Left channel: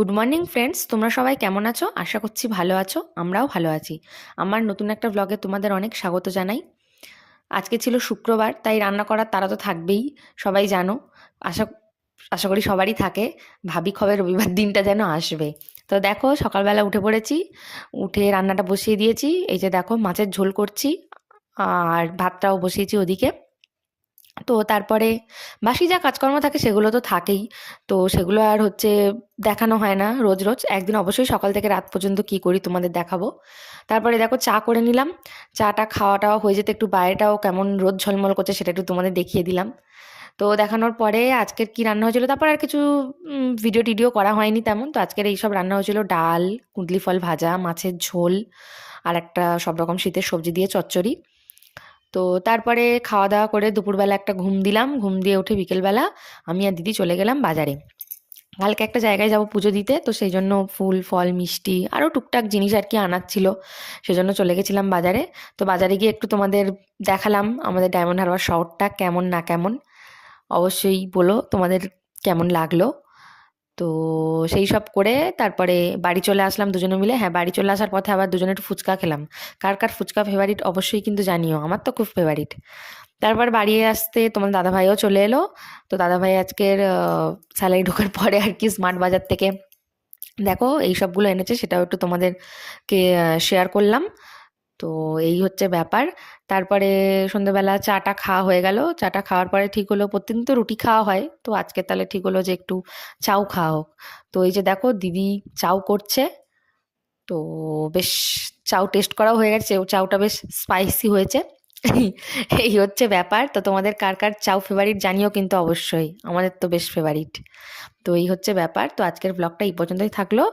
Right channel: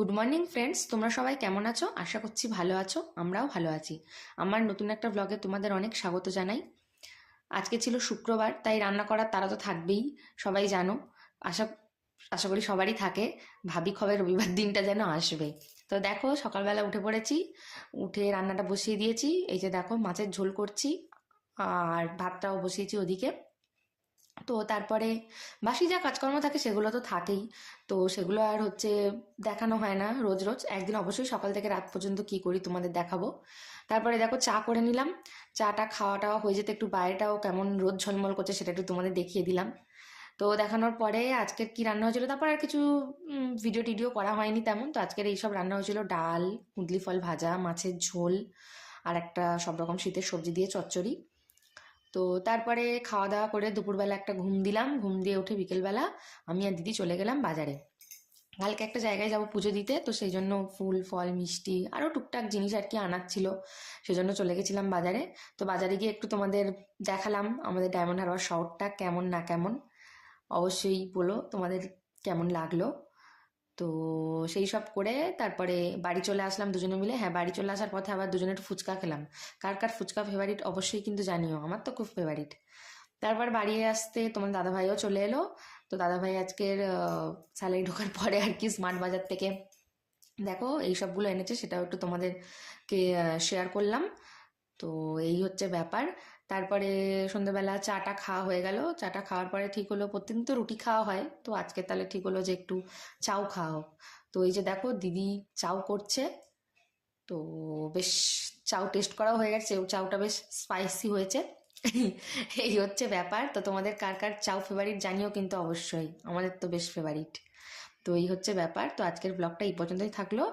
Good morning friends, তোমরা সবাই কেমন আছো? আশা করছি ভালো আছো। আমরাও ভালো আছি। আমার নতুন একটা ব্লগে তোমাদের অনেক স্বাগত জানাই। আজকে ছিল শুক্রবার, তাই রান্না করার তাড়া তো থাকবেই, সবাই জানো। আশা আশা করি সবারই থাকে। ভাবি কবে রবিবার দিনটা যেন আসবে। তো দেখো, সকালবেলা উঠে পড়েছি, উঠে রান্নাটা বসিয়ে দিয়েছি। এই যে দেখো, মাছের ঝোল করছি আর ভাতটাও বসিয়েছি ওদিকে। তো তারপরে বাসি যা কাজকর্ম থাকে সেগুলো তো থাকেই। তো সেগুলো আর দেখানো হয় না রোজ রোজ। একদিন অবশ্যই সকাল থেকে রাত পর্যন্ত কি করি তোমাদের দেখাবো। তারপরে দেখো, চা করে নিলাম। চাটা খাওয়া টাওয়া হয়ে যেতে একটু বাইরেটাও কেমন রোদ ঝলমল করছে সেটা একটু তোমাদের দেখিয়ে দিলাম। তো দেখানোর পরে আজকের কি রান্না হয়েছিল, তারপর আর কিছু ভিডিও টিডিও করা হয়নি তেমন। তো আজকের এইসব রান্না হয়েছিল: ডাল, কুঁদলি ফল ভাজা, মাছের ঝোল, আর একটা সব রকম শীতের সবজি দিয়ে চচ্চড়ি। তো তারপরে খাওয়া দাওয়া করে দুপুরবেলা একটা ঘুম দিলাম। ঘুম দিয়ে উঠে বিকেলবেলা আমি আর দিদি চলে গেলাম বাজারে। কালকে একটা জায়গায় যাব পুজো দিতে, তো সেই জন্য ফুল ফল মিষ্টি আরও টুকটাক জিনিস আর কি আনার ছিল। সেজন্য চলে গেছিলাম বাজারে। তো বাজারে গিয়ে একটু তোমাদের দেখালাম আমাদের ডায়মন্ড হারবার শহরটা কেমন না কেমন। অবশ্যই বলো তোমাদের কেমন লাগলো। তো সেই সব করে তারপরে বাড়ি চলে আসলাম দুজনে মিলে। হ্যাঁ, বাড়ি চলে আসার পথে আবার দুজনে একটু ফুচকা খেলাম। কার কার ফুচকা ফেভারিট অবশ্যই কিন্তু জানিও, আমার তো খুব ফেভারিট। তারপর বাড়ি আসতে তোমার দাদাভাইও চলে এলো। তো দাদাভাই আজকের স্যালারি ঢোকার পরে আর কি স্মার্ট বাজার থেকে দেখো এই সবগুলো এনেছে, সেটাও একটু তোমাদেরকে শেয়ার করলাম। তো এই হচ্ছে ব্যাপার। তারপরে সন্ধ্যেবেলা চাটা খাওয়া হয়ে গেল। চাটা খাওয়ার পরে ঠিক হলো, প্রতিদিন তো রুটি খাওয়া হয়, তো আজকে তাহলে ঠিক হলো যে একটু চাউ খাওয়া হোক। তো এই যে দেখো, দিদি চাউ করছে। তো বেশ, চাউ টেস্ট করাও হয়ে গেছে, চাউটা বেশ স্পাইসি হয়েছে। এই হচ্ছে ব্যাপার। তো তোমাদের কার কার চাউ ফেভারিট জানিও কিন্তু অবশ্যই, আমাদের তো বেশ ফেভারিট। তো এই হচ্ছে ব্যাপার। তো আজকের ব্লগটা এই পর্যন্তই থাকলো।